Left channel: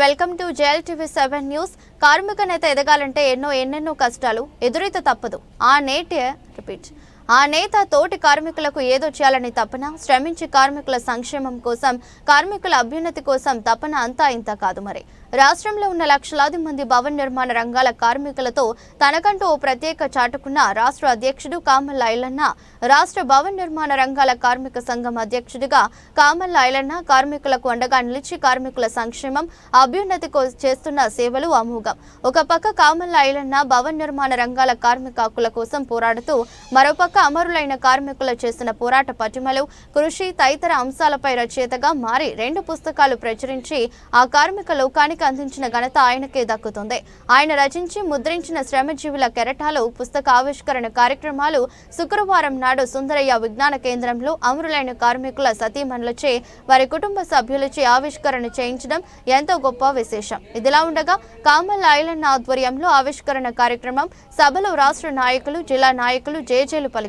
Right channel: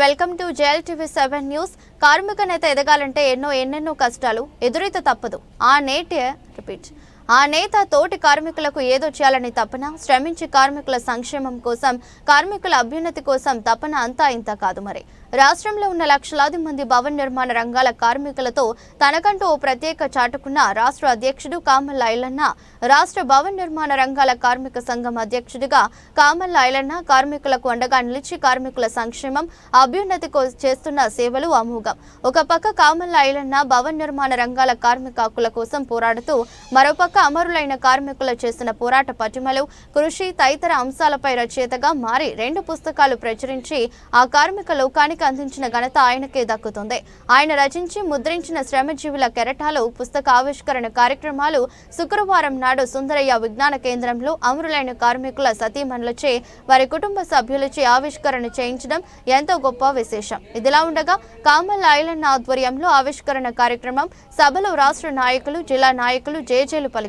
Welcome to JL TV seven news. కార్మిక నేత ఎదగాలంటే ఎన్నో ఎన్నెన్నో కష్టాలు ఎదురైతే తప్పదు. ఆ నేటి రిపీట్. ఆ నేత తోటి కార్మికులకు ఏదో చేయాలని తపన శ్రమించి కార్మికుల సంక్షేమం కోసం కార్మికుల అభ్యున్నతి కోసం తపన అంతా ఇంత కాదు మరి. రాష్ట్రంలో ఉన్న లక్షలాది మంది భవన నిర్మాణ రంగాల కార్మికులతో తనకంటూ ఓ ప్రత్యేక చాటుకున్న రాష్ట్ర అధ్యక్షుడు కామల్ ఐలన్న రాష్ట్ర భవన నిర్మాణ రంగాల కార్మిక సంఘం అధ్యక్షుడిగా కామల్ ఐలన్న కార్మికులకు అండగా నిలిచి కార్మికుల సంక్షేమం అభ్యున్నతి కో- చేస్తున్న సేవలు అమోఘం. ఒక పక్క కామల్ ఐలన్న భవన నిర్మాణ రంగాల కార్మిక హక్కుల కోసం పోరాడుతూ మరోపక్క అమరులైన కార్మికులు చేసిన పోరాట పటిమలు కృషి తదితర అంశాలపై రచయితగా మారి రెండు పుస్తకాలు ప్రచురించి ఆ కార్మిక లోకానికి అందించిన ఘనత ఆయనకే దక్కుతుంది. ఆయన రచించి ముద్రించిన శ్రమజీవుల కెరటాలు పుస్తక ఆవిష్కరణ కార్యక్రమాలు శుక్రవారం నాడు సుందరయ్య విజ్ఞాన కేంద్రంలో అమరులైన కార్మికుల సతీమణులచే వారి కుటుంబ సభ్యులచే ఆవిష్కరణ చేయించడం ఎంతో గొప్ప విశేషం. ఇదిలా ఉండగా కామల్ ఐలన్న ఆధ్వర్యంలో ఆవిష్కరణ కార్యక్రమం సభలో రాష్ట్ర నాయకులు జిల్లా నాయకులు జేజేలు పలికారు.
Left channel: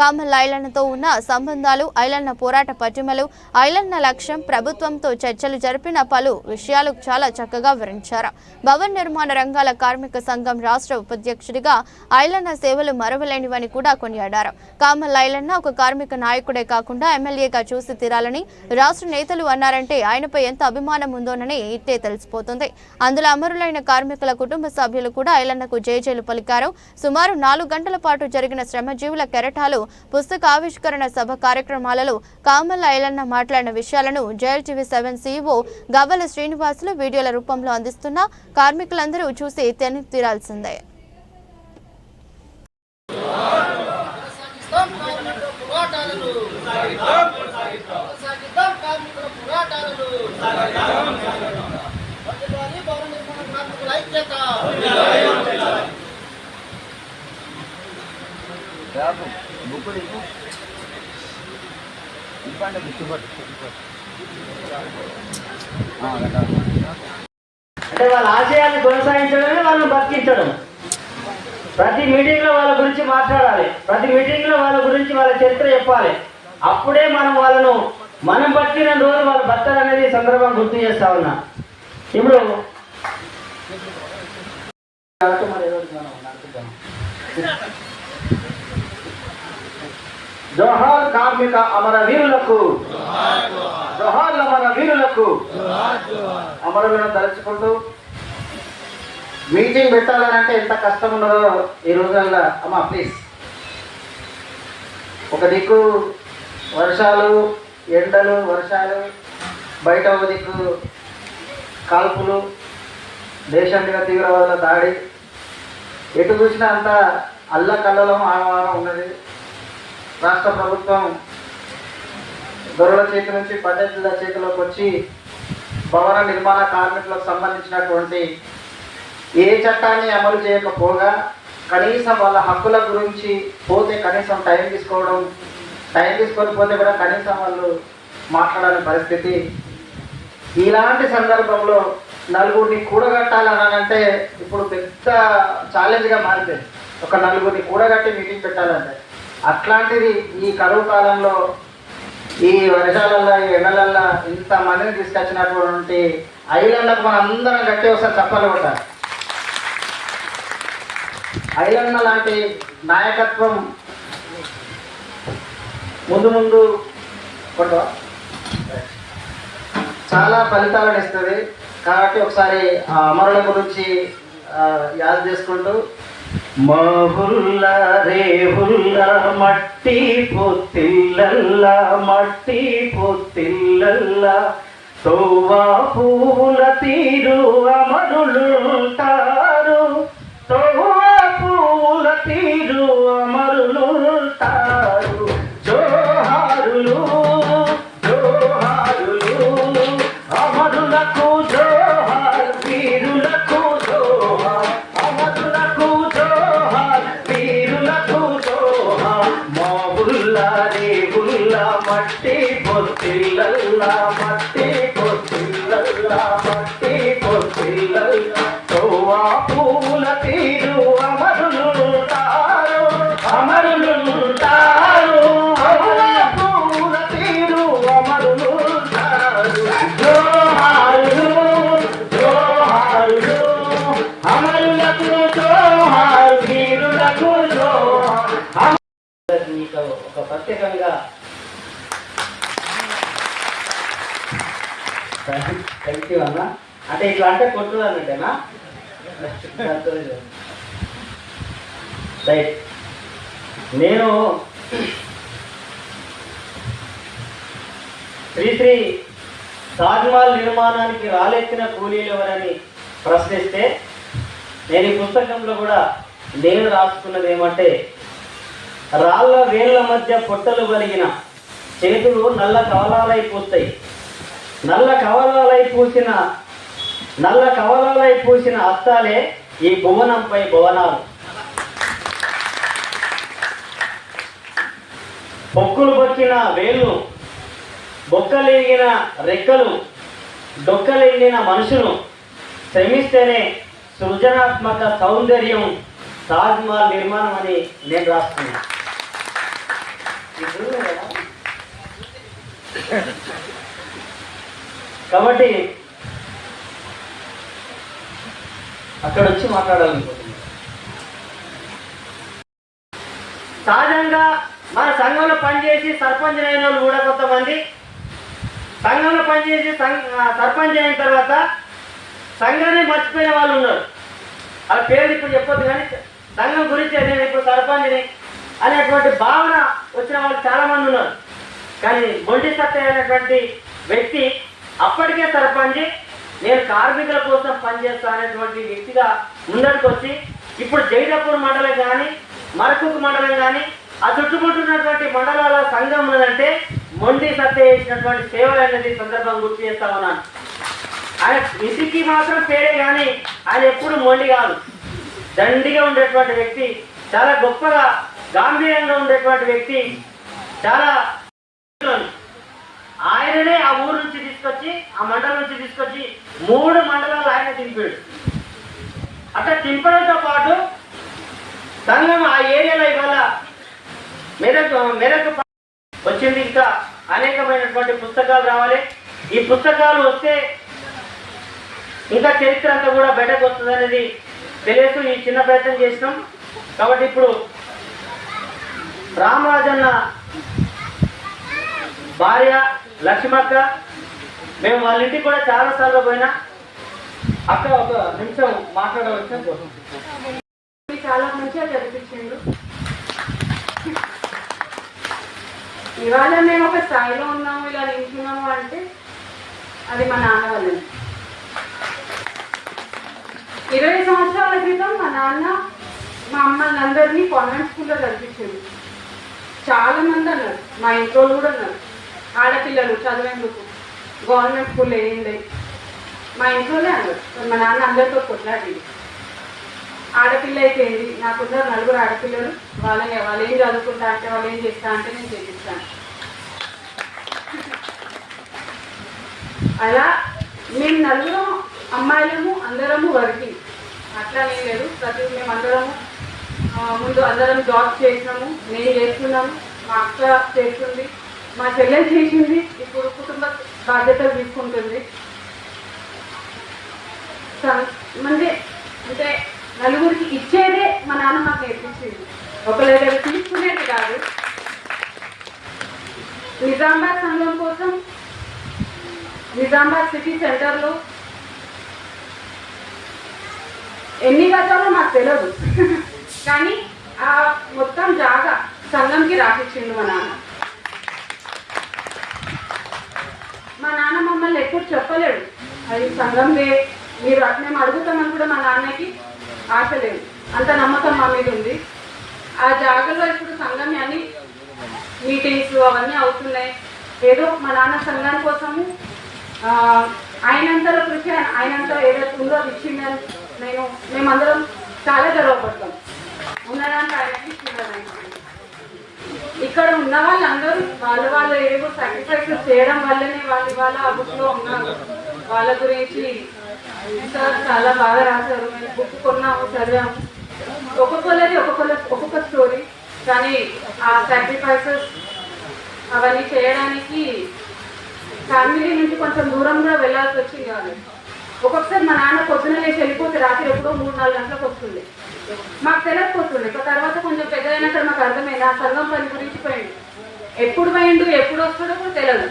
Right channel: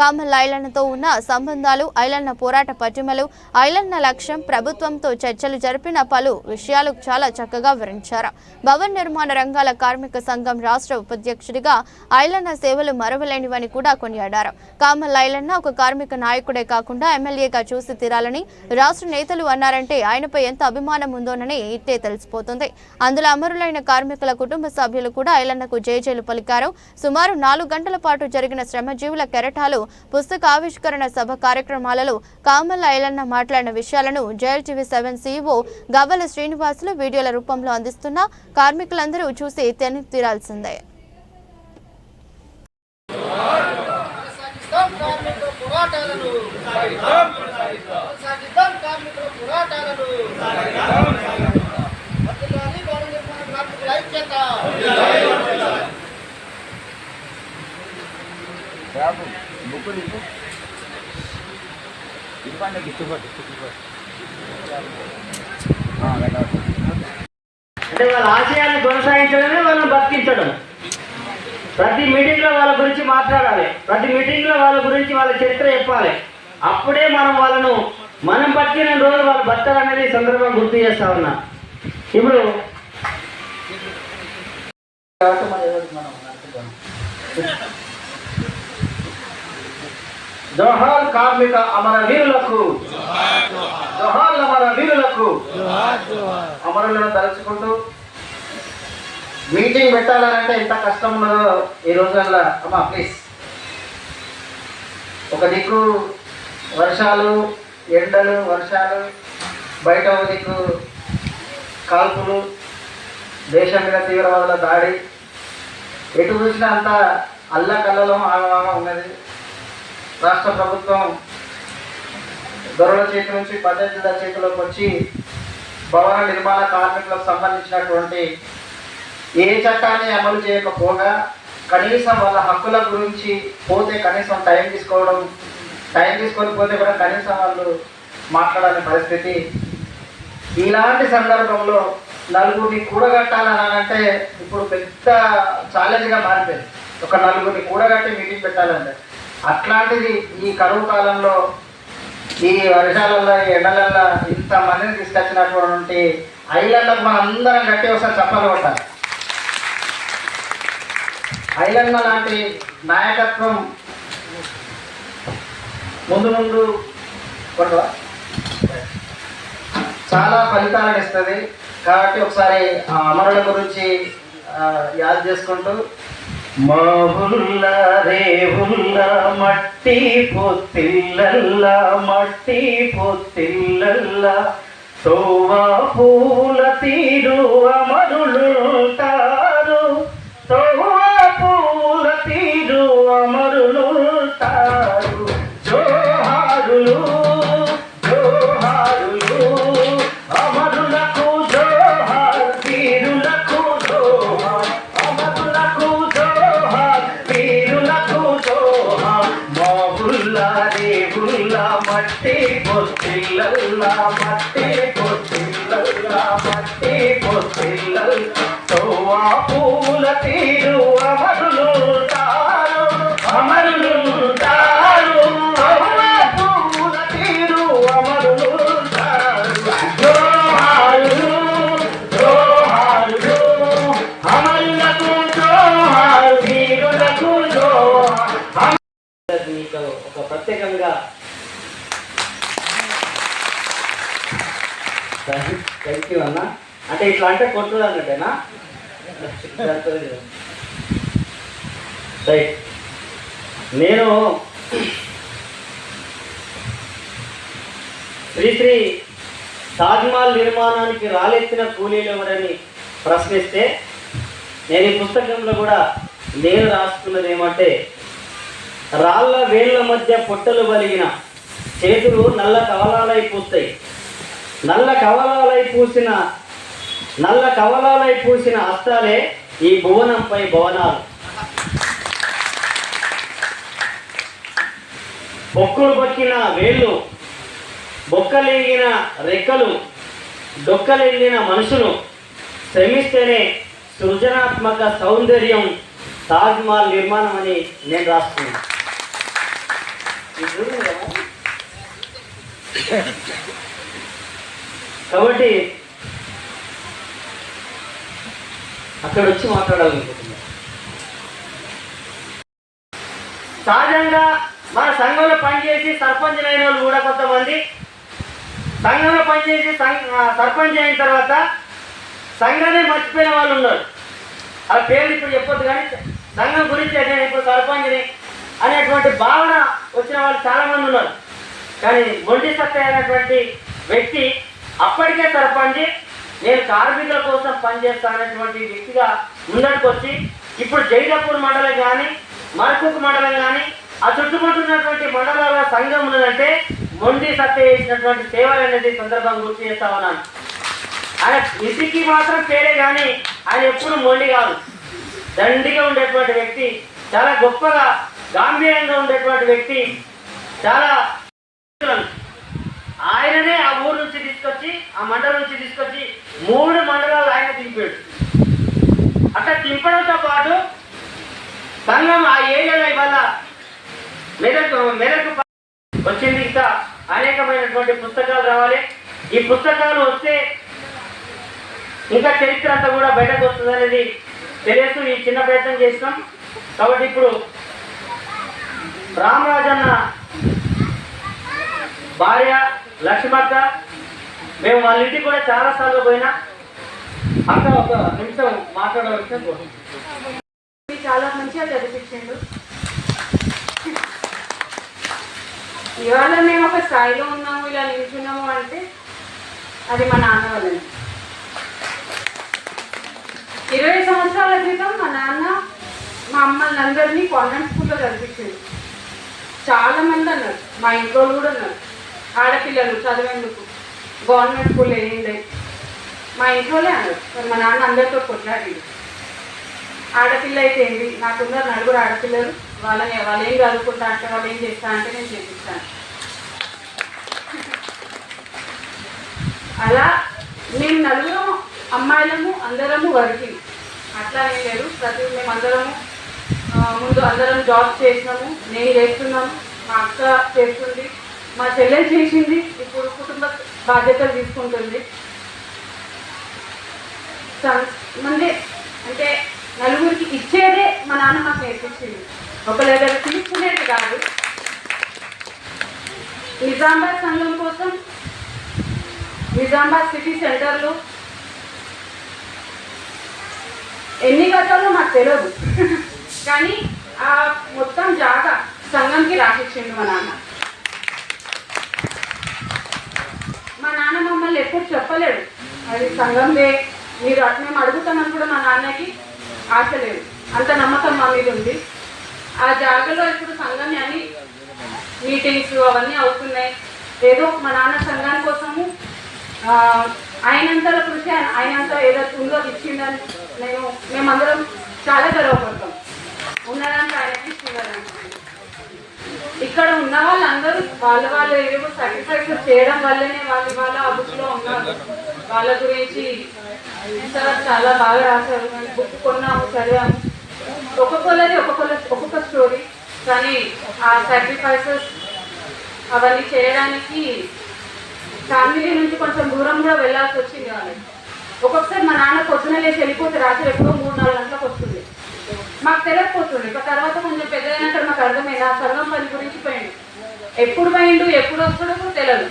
కామల్ ఐలన్నతో ఉన్న సంబంధాలు ఐలన్న పోరాట పటిమలు ఐలన్న లక్ష్యం ప్రభుత్వంతో చర్చలు జరిపిన పలు విషయాలు చాలా చక్కగా వివరించారు. భవన్ నిర్మాణ రంగాల కార్మిక సంఘం రాష్ట్ర ఉపాధ్యక్షుడిగా ఐలన్న సేవలు మరవలేనివని కూడా కొనియాడారు. కామల్ ఐలన్న ఒక కార్మిక నాయకుడే కాకుండా ఎమ్మెల్యేగా చూసి తీరాలని రాష్ట్ర నేతలు అన్నారంటే ఆయనపై ఎంత అభిమానం ఉందోనని ఇట్టే తెలిసిపోతుంది. అందులో అమరులైన కార్మికుల కుటుంబ సభ్యులు కూడా ఐలన్నకు జేజేలు పలికారు. సుమారు నాలుగు గంటల పాటు జరిగిన శ్రమజీవుల కెరటాలు పుస్తకావిష్కరణ సభ కార్యక్రమాలలో కామల్ ఐలన్న మాట్లాడిన విషయాలను జేఎల్టీవీ సెవెన్ సీఈఓ గవ్వల శ్రీనివాసులు వీడియోల రూపంలో అందిస్తున్న కార్మికులందరూ చూసి తెని తీరాల్సిందే. పోరాటాలను కొనసాగిద్దాం కార్మికుల పోరాటాలను వర్ధిల్లాలి భవన నిర్మాణ కార్మికుల ఐక్యత అంటే వాళ్ళ ఆశయాన్ని కొనసాగించడమే వాళ్ళని బతికించడం. ప్రతి మీటింగ్లో వాళ్ళ గురించి మాట్లాడాలి. ప్రతి మీటింగ్లో వాళ్ళ గురించి వాళ్ళ చరిత్ర చెప్పాలి. అప్పుడే మనం వాళ్ళను మనం బతికిన రోజు వాళ్ళు బతారు అనేది సందర్భం గుర్తు చేస్తా ఉన్నా. ఇప్పుడు జోహార్ కార్మిక అమర వీరులకు జోహార్ అమర వీరులకు అమరులను తలుచుకుంటూ మీటింగ్ పెట్టాలంటే ఎంత కష్టం ఉన్నదో ఈ రోజుల్లో అమ్మా ప్లీజ్ ఒక దిక్కు వర్షాలు ఎండలు వర్షాలు బయట ఒక దిక్కు కాల్పులు దేశం మీద తీవ్రవాదుల దాడి. ఎటు చూసినా అంత అల్లకల్లలం ఆమె ఉన్నది. రాష్ట్ర ప్రభుత్వం దొరల చేతి నుంచి పద్ధతుల చేతిలోకి వచ్చి భవన నిర్మాణ కార్మికులకు సంబంధించినటువంటి ఏ చట్టాన్ని అమలు చేయకపోగా కనీసం వాళ్ళ హక్కుల గురించి పోతే కనీసం టైం తీసుకోవడం టైం తీసుకొని పోతే కూడా కనీసం వాళ్ళు మాట్లాడని పరిస్థితి. ఇలాంటి సందర్భంలో నలుగురిని కూడగట్టాలని అంటే ఇప్పుడు పెద్ద ఛాలెంజ్గా మారిపోయింది. ఒక నలుగురిని కూడగట్టి మీటింగ్ పెట్టాలంటే. అట్లాంటిది ఈ కరువు కాలంలో ఈ వర్షాలలో ఈ ఎండలల్లో ఇంత మందిని తీసుకొచ్చినటువంటి ఐలండ్లకు మనం అందరం గట్టి ఒకసారి చెప్పాలి కొట్టాలి. ఐలన్న లాంటి నాయకత్వం ముందు ముందు కొట్టవా? చాలా ఫలితాలను ఇస్తుంది. కాబట్టి ఒకసారి ఆ అమరుల గురించి యాద్ చేసుకుంటూ మాహుల్ల రేహుల్ల మట్టి పొత్తిల్లల్ల మట్టి పొత్తిల్లల్ల తోవా పూల తీరు గుళ్ళ మట్టి పొత్తిల్లల్లా మట్టి పొత్తిల్లల్లా మట్టి పొత్తిల్లల్ తోవా పూల తీరు అమరులుంటారు అమరులుంటారు. తోవా పూల తీరు అమరులుంటారు. జోహారు జోహారు అమరులకు జోహారు. ప్రత్యేకంగా థ్యాంక్ యూ అన్న. అంటే ఇట్లా అంటే కొట్టుడు అన్నట్టేనా? రైట్ నేను శ్రీశ్రీ తాజ్మహల్ నిర్మాణానికి రాలెత్తిన కూలీలు ఎవరని ప్రశ్నిస్తే నేను ఈ పుస్తకంలో కూడా నేను రాసుకున్నది ఏమంటే రాళ్ళ వేళ్ళ మధ్య పొట్టలు కలిగిన చేతులు నల్ల కవలాలై పూస్తాయి. నల్ల కవలాలై పూసిన నల్ల కవలాలై పూసిన హస్తాలే ఈ భువనంపై భువనాలు. బొక్కులు బొక్కిన వేళ్ళు బొక్కలేగిన రెక్కలు డొక్కలిగిన మనుషులు శ్రమిస్తేనే సృజనాత్మక సౌందర్యం తాజ్మహల్ నిర్మాణం అని నేను రాస్తున్నాను. కాబట్టి అక్కడ వచ్చి మాట్లాడాలనుకుంటున్నాను సహజంగా మన సంఘంలో పనిచేసి సర్పంచ్ అయిన వాళ్ళు కూడా కొంతమంది. సంఘంలో పనిచేసి సర్పంచ్ అయిన తర్వాత సంఘాన్ని మర్చిపోయిన వాళ్ళు ఉన్నారు. అలా పేరు ఇప్పుడు చెప్పొద్దు కానీ సంఘం గురించి నేను ఇప్పుడు సర్పంచ్ని అనేటువంటి భావన వచ్చిన వాళ్ళు చాలామంది ఉన్నారు. కానీ మొండి సత్య అనేటువంటి వ్యక్తి అప్పటికే సర్పంచ్ నేను కార్మికుల కోసం పనిచేస్తా అనేటువంటి వ్యక్తిగా ముందటికి వచ్చి ఇప్పుడు జైలపూర్ మండలం కానీ మరకుక్ మండలం కానీ ఆ చుట్టుముట్టున్నటువంటి మండలాల సంఘం ఉన్నదంటే మొండి సత్య చేసినటువంటి సేవలు అనేది సందర్భంగా గుర్తు చేస్తా ఉన్నాను. ఆయన ఇంటికి మాత్రం పేరే కానీ ఆయన ఎప్పుడు మొండి కాదు. దండిగా ఉండేటువంటి వ్యక్తి చాలా గొప్పగా గాంభీర్యంగా ఉండేటువంటి వ్యక్తి చాలా ఆయననే ఆ ఊరు నుంచి తీసుకొచ్చి ఆ మండలం నుంచి తీసుకొచ్చి మూడు మండలాలు ఆయన దింపాడు. అట్లా దింపడంతో పాటు సంఘం ఆ ఏరియాలో ఇవాళ మెదక్ మెదక్ వచ్చింది. ఇంకా అనేకమైనటువంటి పుస్తకాలు రావాలి. ఈ పుస్తకాలు వస్తే ఇంకా చరిత్ర అంతా కూడా బయటకు వస్తుంది అనేది తెలియదు ఈ చిన్న ప్రయత్నం చేసినాం. కాబట్టి ఇప్పుడు రామరాజన్న భార్య లక్ష్మక్క మేము వాళ్ళ ఇంటికి కూడా చాలా సార్లు పోయినా. అక్క ఒక నిమిషం మాట్లాడవలసిన చాలా మంచిగా చదివించిండు ఇవాళ మేము ఒక స్థాయిలో ఉన్నాము ఇలా నిల్చున్నాము అంటే అది మా నాన్న వాళ్ళని ఇరవై సంవత్సరాల క్రితం మా నాన్న మా అమ్మల్ని అందరినీ కాన్వెంట్ స్కూల్లో చదివించిండు. చాలా మంది అన్నారు. మా ఇంట్లో కూడా అన్నారు. ఆడపిల్లలు చదివేందుకు? గవర్నమెంట్ స్కూల్ వేయండి మా ఇంట్లోనే అన్నారు. మా నాన్న అందరితో కొట్లాడిండు. ఆడపిల్ల అయితే ఏంటి నాకున్న నలుగురు ఆడపిల్లలు. వాళ్ళని వాళ్ళు ఏం చదువుకుంటా అంటే వాళ్ళు ఏం చేస్తా అంటే నేను చేపిస్తాను. అలా మేము నలుగురు అమ్మాయిలము అందరము వర్కింగ్ అట్లా ఏం లేదు. ప్రతి మేము అందరము ముందు అందరం జాబ్ చేసినాము. నేను చేస్తున్నాను. మా అక్క చేస్తుంది. మా చెల్లెలు చేసింది. ఇప్పుడు కుటుంబ బాధ్యతలు తీసుకుంటుంది. సం- మంది అంటే నలుగురికి ఇచ్చేదే మా నాన్న మాకు నేర్పించింది. ఒకరి దగ్గర తీసుకునేది కాదు. నిజామాబాద్ సంఘం కోసం నిజామాబాద్ సిటీ సెంటర్లో ఎన్ని గతాలో మాకు తెలియదు కానీ ఆ మొత్తం జాగా సంఘంకి రాసిచ్చిండు మా నాన్న. మా నాన్న మమ్మల్ని ఎప్పుడు చెప్పలేడు. అది సంఘందే మీరు అట్ మేము అడుగుతామని కూడా మా నాన్నకి ఆశ లేదు. అంత నమ్మకం మా మీద ఉంది. ఆ జాగాలో ఇప్పుడు సంఘం అని మీటింగ్స్ అవన్నీ అవుతున్నాయి. ఏదో మా నాన్న సంఘం కోసము ఆ, ఆయనంతల కృషి ఆయనంతా ఆయనంత ఏదైతే ఉందో ఇచ్చిందని నేను మేమందరం చాలా గర్వపడతాం. ఉన్నదానికి ఆయనకి ఇచ్చినారంటే ఇక్కడ ఉన్న వాళ్ళందరూ వాళ్ళ వాళ్ళు ఏవో సాక్రిఫైస్ చేయడం వల్లనే వాళ్ళు వాళ్ళ ఆ బుక్లో ఉన్నారు. వాళ్ళ గురించి సార్ చాలా బాగా రాశారు. బుక్ కొన్నాము చదివాము. ఒక్కొక్కలది ఒక్కొక్కల ఒక్కొక్క స్టోరీ కానీ ఆ సాక్రిఫైసెస్ అవన్నీ చేయడానికి ఫ్యామిలీ నుంచి కొంచెం దూరం కూడా వెళ్ళాల్సి వచ్చింది వాళ్ళకి ఒక్కొక్కసారి మా నాన్న పొద్దున లేచి వెళ్ళిపోతే రాత్రి ఎప్పుడో మూడు నాలుగు గంటలకు వస్తుంది. మాకు తెలియకపోతుంది ఇక తర్వాత కొంచెం పెద్దదైనాక మాకు అర్థమైంది. ఆ సంఘం పని గురించి పోయింది ఎప్పుడు పోయిండు ఎప్పుడు వస్తాడో కూడా తెలియదు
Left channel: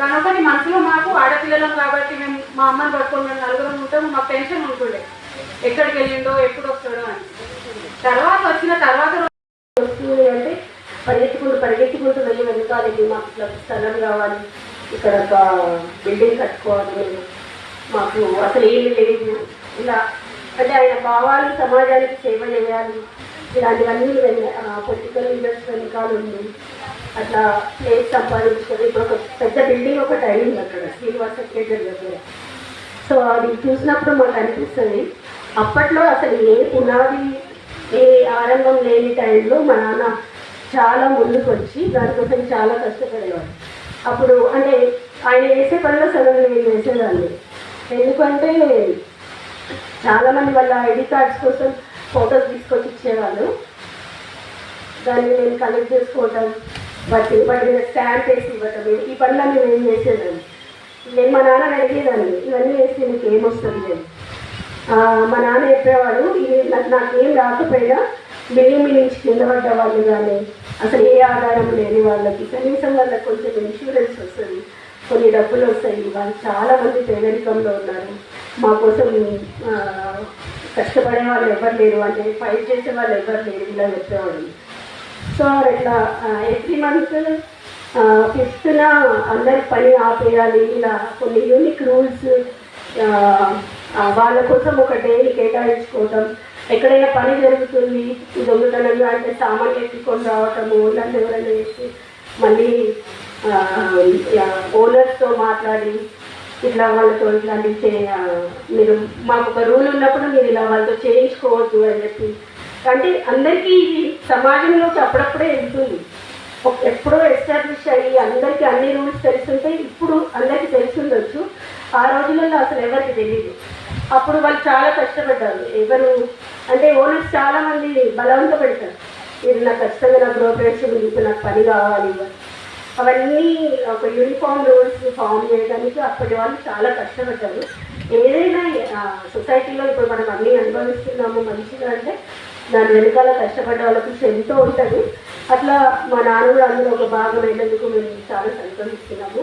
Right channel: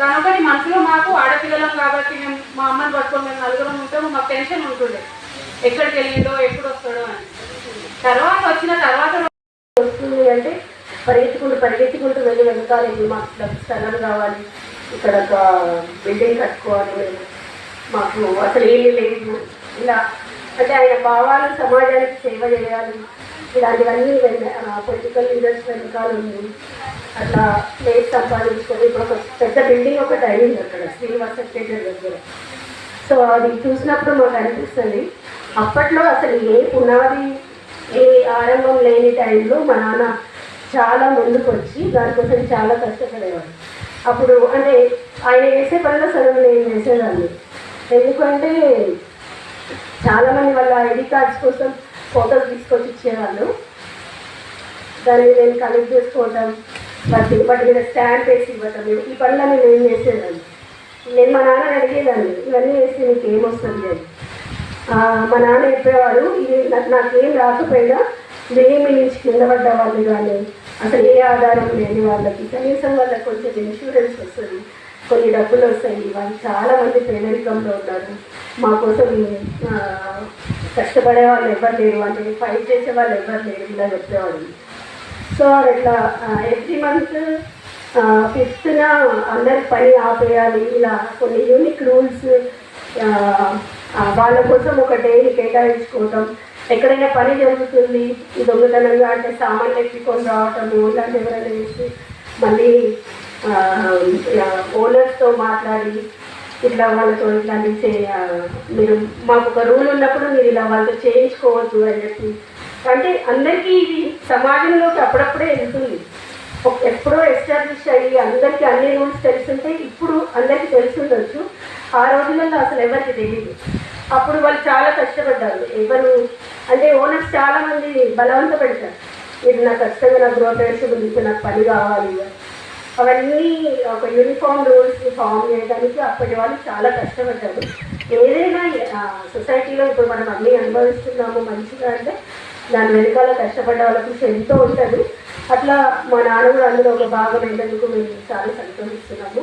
కనుక మనసులో మాకు ఆడపిల్లలం కాబట్టి మేము మా అమ్మని పట్టుకొని నలుగురం ఉంటాము మాకు టెన్షన్ ఉంటుండే. ఎక్కడికి వెళ్ళిండో ఎప్పుడు వస్తాడో అని. తర్వాత వచ్చిన తర్వాత వస్తుంది అంటే పరిగెత్తుకుంటూ పరిగెత్తుకుంటూ వెళ్ళి వెళ్తానండి మాకు ఇట్లా స్థలం కావాలి. ఇక్కడ ఒక బిల్డింగ్ కట్టుకోవాలి. మేము మాకు అసలు ఏమీ లేదు. ఇలా అంటే ఆయన భావాలు సమాజానికి సేవ చేయాలి. ఇలాంటివన్నీ పొలిటికల్ లీడర్స్ వెనకాల ఉంది అట్లా ప్లేస్ సంపాదించుకొని ఇప్పుడు ఒక పెద్ద బిల్డింగ్ ఒకటి అయింది అక్కడ శ్రీనివాస థియేటర్ దగ్గర. సో అది చూసినప్పుడు మాకు అనిపిస్తుంది అప్పట్లో అసలు ఏ పునాది ఏ ఆరంభం లేని టైంలో మా నాన్న చాలా ముందుకు వచ్చి దానికోసం చాలా కష్టపడేవాడు అప్పుడు అంటే ఆయన వేసే పనిలో సగం నేను వేసేదాన్ని ఎందుకంటే చాలామంది వాళ్ళ ఐడి కార్డ్స్ కోసం ఫొటోస్ తీసుకొచ్చి ఇచ్చేవాళ్ళు. దాన్ని నేను కలెక్ట్ చేసుకోవటం వాటి వాటి మీద స్టాంప్ వేసి ఇవ్వటం ఈ పనులన్నీ నేను చేసేదాన్ని. నేను మా నాన్న అడిగేదాన్ని ఇవన్నీ వేసి నీకు ఏమొస్తుంది అని. మా నాన్న చెప్పేవాడు ఇది నాకు నాకేం రాకపోయినా బియ్యం నుంచి కింద పడ్డ వాళ్ళు కానీ అసలు ఏ ఆధారం లేని వాళ్ళకి కనీసం వాళ్ళకి కొంచెం ఇన్సూరెన్స్ వస్తుంది కొన్ని డబ్బులు వస్తాయి. వాళ్ళు చాలామంది పేదరికంలో ఉన్నారు. మా కోసం కష్టపడే వాళ్ళు ఎవరు లేరు. అంటే ఫైట్ చేసే వాళ్ళు ఎవరు లేరు ఇలా చెప్పేవాళ్ళు. సో ఇట్లా ఎవ్రీ మంత్ ఫిఫ్త్న అందరి పని ఆపేయాలి. ఇలా కొన్ని యూనిక్ రూల్స్ వాళ్ళ కోసం ఒక డైలీ కేటాయించుకోవటం. ఎక్కడైనా పని జరుగుతుంది దొంగతనంగా అంటే సామాన్లు ఎత్తుకొని రావటము ఇలాంటి ఎవరైనా చేసి మళ్ళీ వాళ్ళతో ఇట్లాంటి మీరు మాకు ఒక రూల్ ఉన్నప్పుడు మీరు ఇలా వాళ్ళతో చేయించుకోవద్దు అని చెప్పి. అంటే అందరికీ ఇది సమాజంలోకి అప్పుడప్పుడే వెళ్తుంది. ఎప్పుడో ఎస్టాబ్లిష్ అయ్యి అందరికీ అన్ని రూల్స్ తెలుసుంటే ఇప్పుడు అందరికీ తెలుసుండొచ్చు. ఆ రోజులలో అసలు ఎవరికి తెలియదు అప్పుడు వాళ్ళు చాలా కష్టపడ్డారు. ఎవరు? అంటే ఓనర్స్ చాలా మంది బలవంత పెడతారు ఇది నాకు ఖచ్చితంగా నాకు గృహప్రవేశం నాకు పని కావాలి. అవన్నీ ఒక యూనిఫామ్ రూల్స్ ఫామ్ చేయడానికి అప్పటి వాళ్ళు చాలా కష్టపడ్డారు. ఏదైనా సొసైటీలో ఇప్పుడు మనం అన్నీ అనుభవిస్తున్నాము మంచిగా అంటే దాని వెనకాల కష్టపడ్డ వాళ్ళ కృషి ఎంతో ఉంటుంది. అట్లా మా నాన్న కూడా అందులో ఒక భాగం అయినందుకు మేము చాలా సంతోషిస్తున్నాము.